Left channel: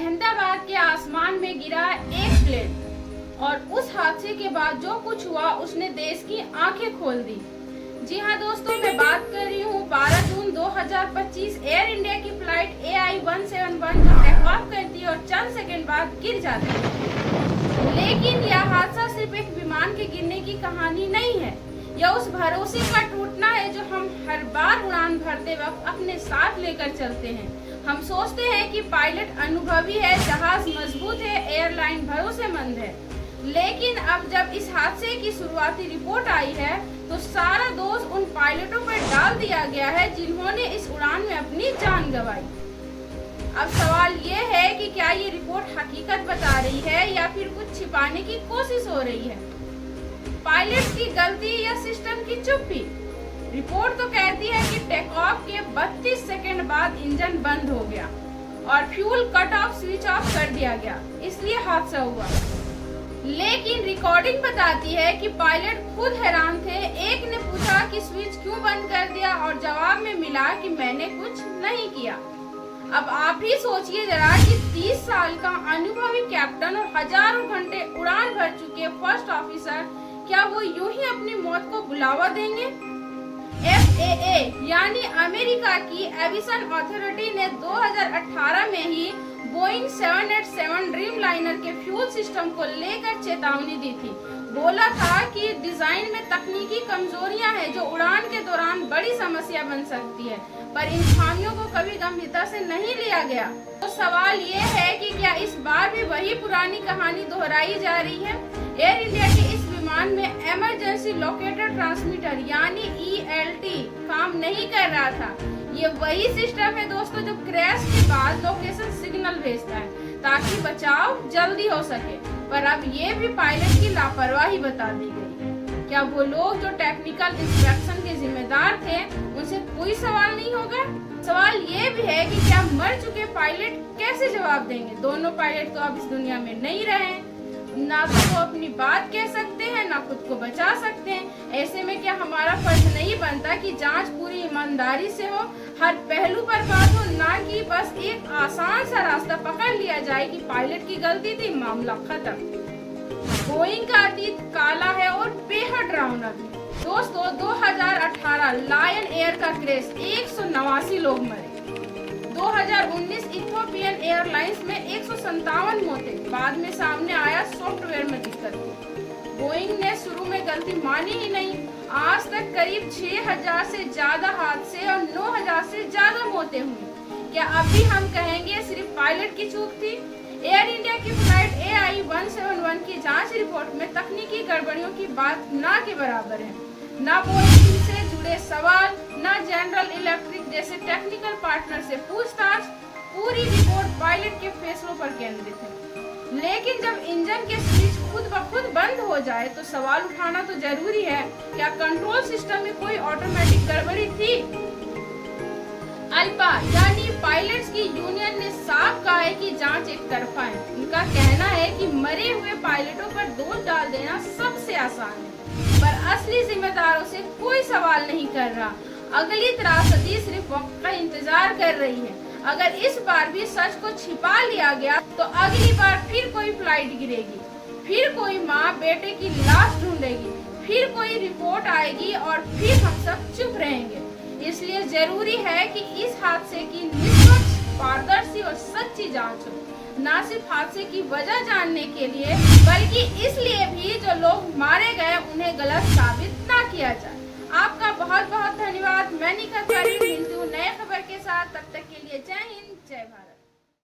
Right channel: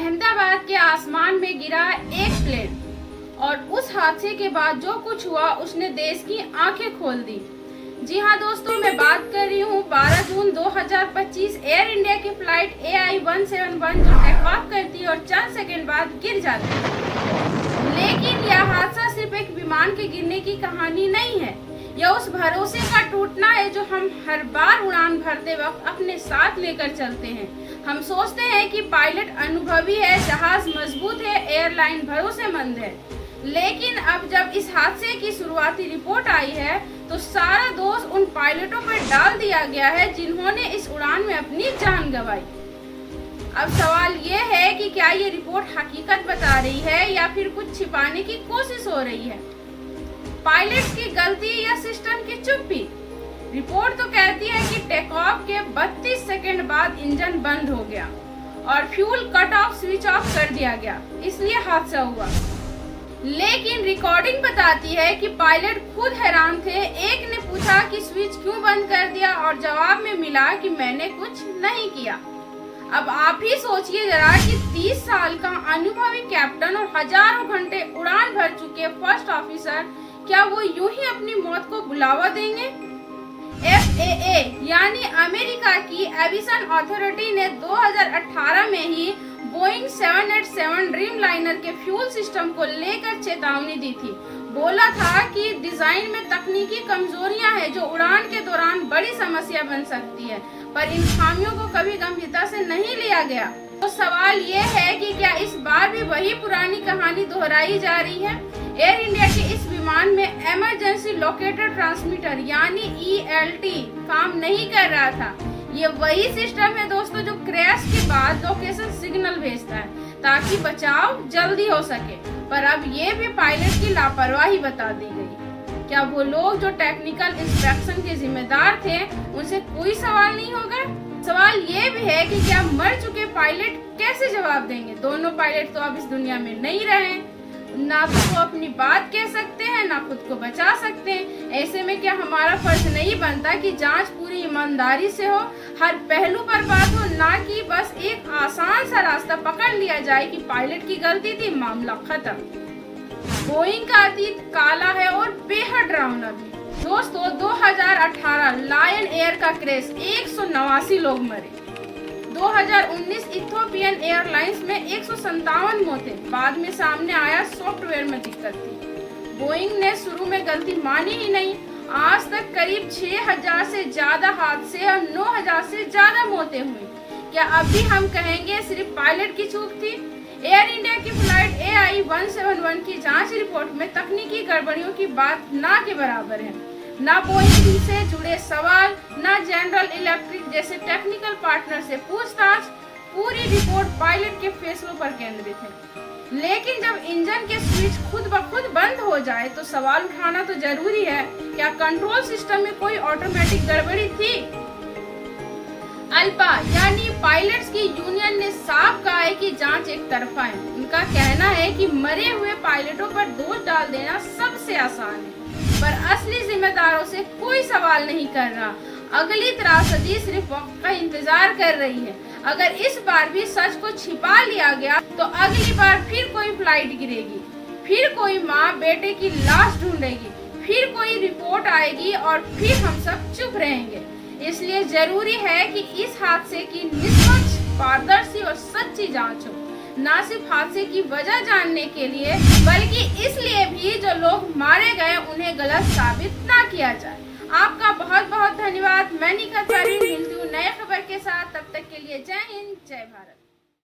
अहमदाबाद के आसमान में गिरा एक प्लेन और उस हादसे के बाद जो कुछ हुआ उसने देश की आंखें खोल दी। जी हाँ दोस्तों, मैं बात कर रही हूँ 12 जून 2025 एयर इंडिया की फ्लाइट AI-171 जो टेक ऑफ करती है और चंद सेकंड बाद गिर जाती है। लेकिन यह हादसा सिर्फ एक विमान के गिरने की कहानी नहीं है, यह उस भरोसे का टूटना है जो हम हर बार उड़ान भरते वक्त अपने साथ लेकर चलते हैं। हम सोचते हैं कि पायलट अनुभवी है, जहाज मजबूत है, एयरलाइन भरोसेमंद है, लेकिन अब जब इस हादसे की शुरुआती रिपोर्ट आई है तो सारा दोष उन पायलटों पर डाल दिया गया है जिन्होंने इस उड़ान में अपनी जान गंवाई। अब सवाल ये है कि क्या ये रिपोर्ट हकीकत बता रही है या फिर कुछ छिपाने की कोशिश हो रही है? पायलट की गलती या सिस्टम की चुप्पी? रिपोर्ट तो कहती है कि टेक ऑफ के 32 सेकंड बाद इंजन बंद हो गया और fuel cut off switch off कर दिया गया, इसलिए हादसा हुआ। लेकिन रिकॉर्डिंग बताती है कि पायलट खुद हैरान थे। एक ने पूछा कि स्विच क्यों बंद कर दिया और जवाब में मिला कि मैंने कुछ नहीं किया। अब आप ही सोचिए जरा कि 30 साल का अनुभवी कैप्टन और हजारों घंटे उड़ान भर चुके फर्स्ट ऑफिसर, क्या वो यूं ही अपनी मौत को बुलावा देंगे? FAA यानी अमेरिका की एविएशन अथॉरिटी ने 2018 में ही बोइंग 787 ड्रीम लाइनर के फ्यूल सिस्टम को लेकर चेतावनी दी थी। बोला था कि डिजाइन में तकनीकी कमजोरियां हैं जो उड़ान के दौरान बड़ी समस्या बन सकती है, पर इन खामियों को कभी गंभीरता से नहीं लिया गया। तो सवाल ये है कि क्या इस बार भी वही पुरानी कहानी दोहराई जा रही है? एयर इंडिया के इस विमान में इमरजेंसी लोकेटर ट्रांसमीटर यानी ELT काम नहीं कर रहा था। ये वही सिस्टम है दोस्तों जो क्रैश के बाद लोकेशन सिग्नल भेजता है ताकि बचाव जल्दी हो सके, पर अब ये भी पायलट की लापरवाही बता दी गई। क्या वो लोग जो टेक्निकल इंस्पेक्शन के जिम्मेदार थे उनसे कोई सवाल नहीं होगा? सवाल ये भी है कि क्या मर चुके पायलट कैसे जवाब देंगे? दोनों पायलट तो अब इस दुनिया में नहीं रहे, ना तो वो अपनी बात कह सकते हैं ना खुद को बचा सकते हैं। ऐसे में क्या हमारा फर्ज नहीं बनता कि जांच पूरी ईमानदारी से हो, हर पहलू पर बात हो, ना कि बस एक आसान सा रास्ता पकड़ लिया जाए कि पायलट की गलती थी, मामला खत्म। बोइंग का अतीत काला है और बेहद डरावना भी। दोस्तों 2018 लायन एयर का क्रैश, 189 लोग मरे। 2019 इथियोपियन एयरलाइंस में 157 मौतें। बाद में सामने आया सॉफ्टवेयर में दिक्कत थी। बोइंग ने शुरू में गलती मानी ही नहीं। आज तक करीब 6000 से ज्यादा हादसे और 9000 से ज्यादा मौतें हुई। क्या अभी हम कहेंगे सिर्फ पायलट की चूक थी? एयर इंडिया की फ्लाइट AI-171 की जांच रिपोर्ट में तकनीकी गड़बड़ियों की बात ना के बराबर है। ना बोइंग से जुड़े सवाल, ना जनरल इलेक्ट्रिक जैसे टेक्निकल पार्टनर से पूछताछ। पूरी रिपोर्ट पायलट के फैसलों पर केंद्रित है। लेकिन जब इंजन के स्विच खुद ब खुद बंद हो जाए तो सवाल उठाना तो जरूरी है, क्या कंट्रोल सिस्टम में कोई ऑटोमेटिक गड़बड़ी थी? अल्पा यानी पायलट्स की यूनियन ने साफ कहा है कि जांच एक तरफा है। उनका कहना है कि मरे हुए पायलटों पर दोष डाल देना सबसे आसान है, पर असली जिम्मेदारों से कोई सवाल नहीं कर रहा। अगली त्रासदी सिर्फ वक्त का इंतजार कर रही है। अगर इस बार भी सच को छिपा लिया गया तो अगली बार फिर कोई फ्लाइट गिरेगी, फिर कोई माँ बेटे की लाश ढूंढेगी, फिर कोई रिपोर्ट आएगी और फिर हम सब चुप रहेंगे। इसलिए जरूरी है कि इस हादसे की निष्पक्ष, पारदर्शी और सच्ची जांच हो, न सिर्फ हादसे की वजह जानने के लिए बल्कि इसलिए भी जो लोग मारे गए उन्हें गलत साबित ना किया जाए। आपका बहुत बहुत धन्यवाद। मैं निखत मिलती हूँ नए खबर के साथ। तब तक के लिए जय हिंद, जय भारत।